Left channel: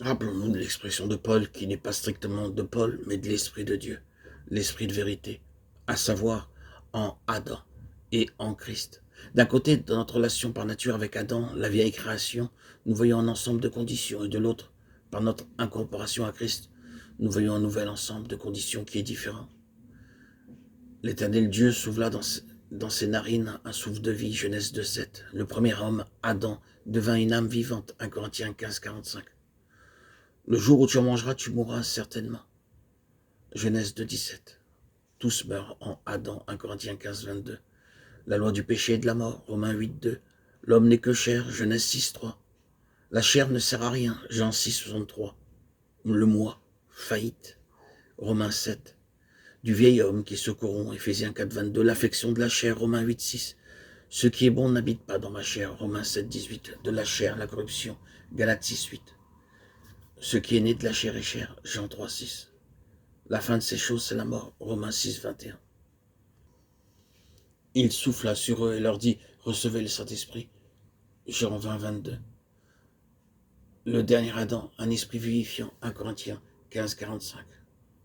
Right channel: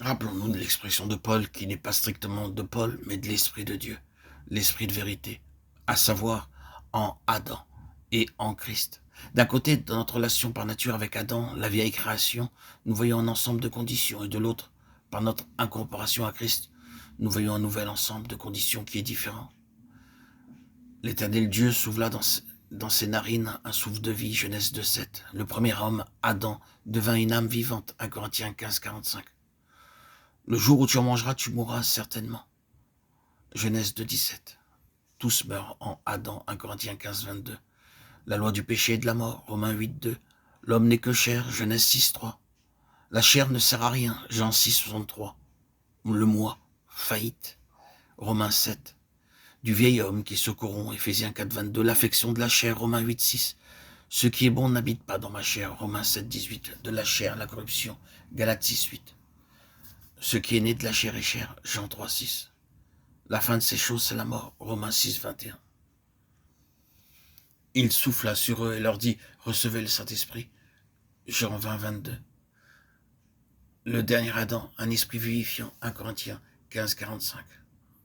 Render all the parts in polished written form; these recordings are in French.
Rappelons-nous de l'expression de Paul qui n'est pas strictement de Paul, mais de l'Esprit de Dieu, l'Esprit de vérité, à savoir en Adam et en Christ. D'un côté, dans notre relation par nature avec Adam, la vieille création, nous voyons un ensemble de conditions, et de l'autre, par notre incorporation à Christ, nous voyons un nouvel ensemble de conditions qui est différent. L'Éternel Dieu souffla dans ses narines un souffle de vie, Genèse 2,7. Le premier homme, Adam, devint une âme vivante, 1 Corinthiens 15,45. Le jour où tu en mangeras, tu mourras certainement. Genèse 2,17. Tous meurent en Adam, 1 Corinthiens 15,22. La loi du péché et de la mort, Romains 8,2. L'homme n'est que chair, Genèse 6,3. La chair ne sert à rien, Jean 6,63. Le moi, faillite, Romains 7. Du vieil homme qui se corrompt, Éphésiens 4,22. L'affection de la chair, Romains 8,6. Ce qui est bon n'habite pas dans ma chair, Romains 7,18. De la chair, la corruption, Galates 6,8. Ce qui est né de la chair est chair, Jean 3,6. La fin de ces choses, c'est la mort, Romains 6,21. Il souffla sur eux et leur dit, recevez le Saint-Esprit, Jean 20,22. Le dernier Adam, un esprit vivifiant, 1 Corinthiens 15,45.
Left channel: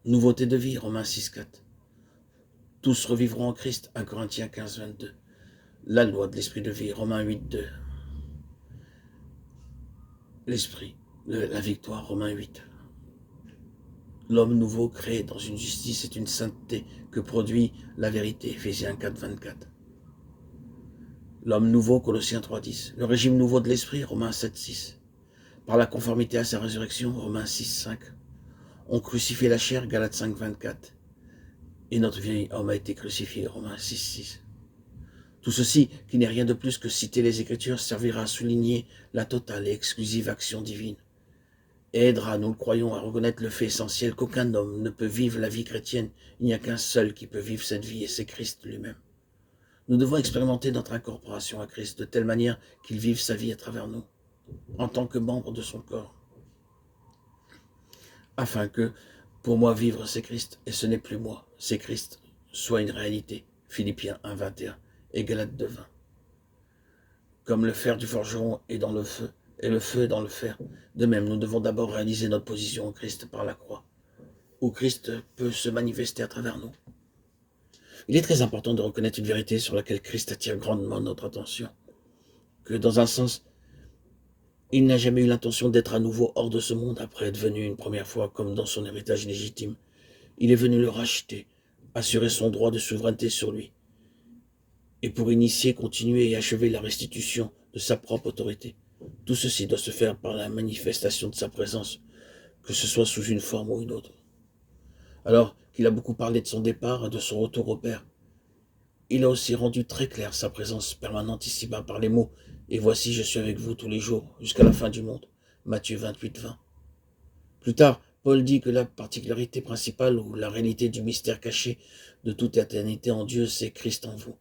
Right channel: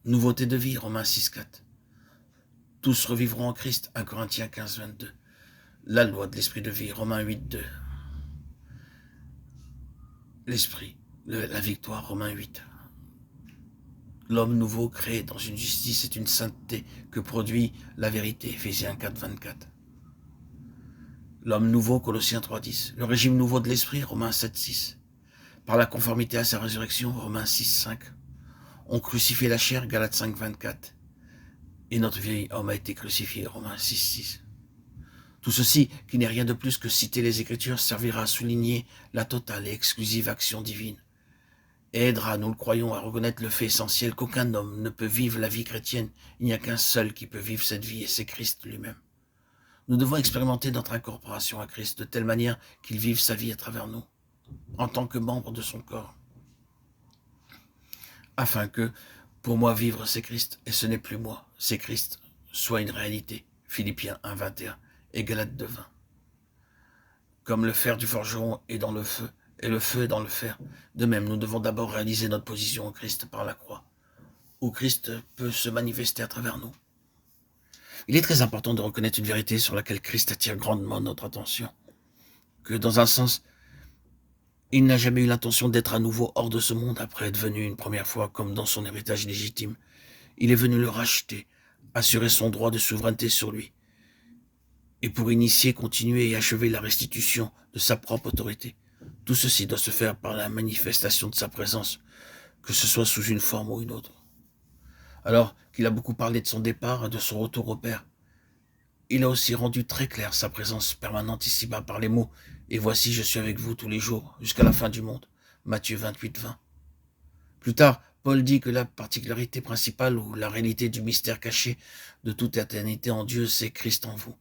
Nouveauté de vie, Romains 6,4. Tous revivront en Christ, 1 Corinthiens 15,22. La loi de l'esprit de vie, Romains 8,2. L'esprit, la victoire, Romains 8. L'homme nouveau créé dans une justice et une sainteté que produit la vérité, Éphésiens 4,24. L'homme nouveau, Colossiens 3,10. Le régime nouveau de l'esprit, Romains 7,6. Par la conformité à sa résurrection, Romains 6,5. On crucifie la chair, Galates 5,24. Et notre vieil homme a été crucifié, Romains 6,6. Tout ceci, qui n'est rien de plus que citer les Écritures, servira à souligner la totale et exclusive action divine. Et aidera, nous le croyons, à reconnaître le fait essentiel qu'aucun homme ne peut vivre la vie chrétienne. Il n'y a qu'un seul qui peut vivre cette vie, et c'est Christ lui-même. Nous devons expérimenter notre incorporation à Christ de telle manière qu'il vive sa vie à travers nous, en tant que membre de son corps. Afin que, pour moi, vivre c'est Christ, et ce n'est plus moi, c'est Christ, soit une réalité. Philippiens 1,21 et Galates 2,20. Comme le fer du forgeron est dans le feu, et le feu est dans le fer, de même, nous devons d'abord réaliser notre position en Christ par la croix, où Christ peut se manifester à travers nous. Il est très important de reconnaître une vérité sur laquelle Christ attire grandement notre attention, que dans un sens, il n'a jamais eu l'intention d'être à nouveau hors de ce monde après être venu une première fois comme dans son héritage légitime. Il est venu le racheter, assurer son droit de souveraineté sur lui, et pour initier, continuer et achever la restitution de sa propre autorité. Tout ceci doit se faire par la manifestation de sa présence, que ce soit sous une forme ou une autre. Alors qu'il a beaucoup parlé de son départ et de son retour au Père, il a aussi rendu très clair sa présence permanente ici-bas par les mots « Et voici, je suis avec vous tous les jours, jusqu'à la fin du monde » Matthieu 28,20. Plus tard, Paul dit que la particularité principale ou la réalité du mystère caché de toute éternité en Dieu, c'est Christ en vous,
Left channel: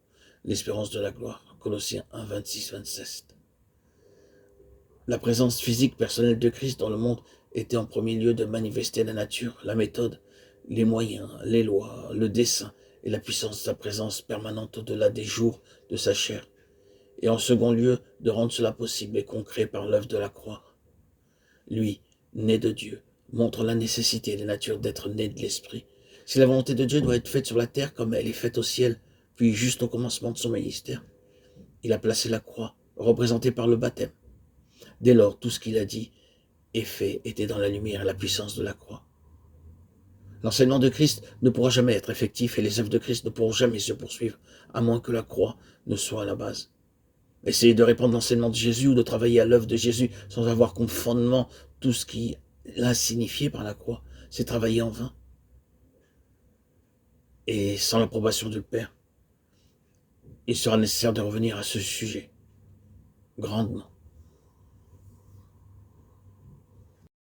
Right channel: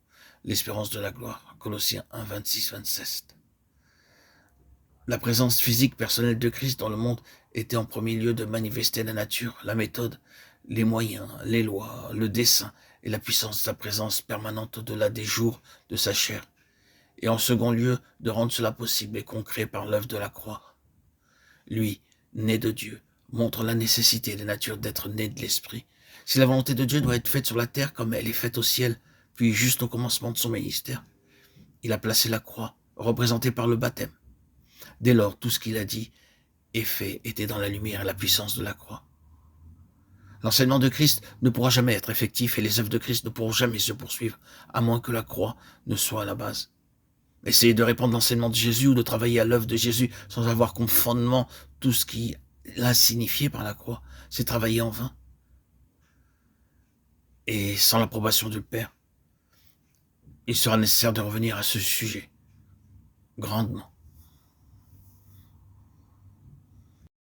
l'espérance de la gloire. Colossiens 1, 26, 27. La présence physique personnelle de Christ dans le monde était en premier lieu de manifester la nature, la méthode, les moyens, les lois, le dessein et la puissance de sa présence permanente au-delà des jours de sa chair, et en second lieu de rendre cela possible et concret par l'œuvre de la croix. Lui, né de Dieu, montre la nécessité de la nature d'être né de l'Esprit. Si la volonté de Dieu doit être faite sur la terre comme elle est faite au ciel, puis juste au commencement de son ministère, il a placé la croix, représentée par le baptême. Dès lors, tout ce qu'il a dit et fait était dans la lumière et la puissance de la croix. L'enseignement de Christ ne pourra jamais être effectif et les œuvres de Christ ne pourront jamais se poursuivre, à moins que la croix ne soit à la base. Essayer de répandre l'enseignement de Jésus ou de travailler à l'œuvre de Jésus sans avoir comme fondement tout ce qui l'a signifié par la croix, c'est travailler en vain. Et sans l'approbation du Père, il sera nécessaire de revenir à ce sujet grandement.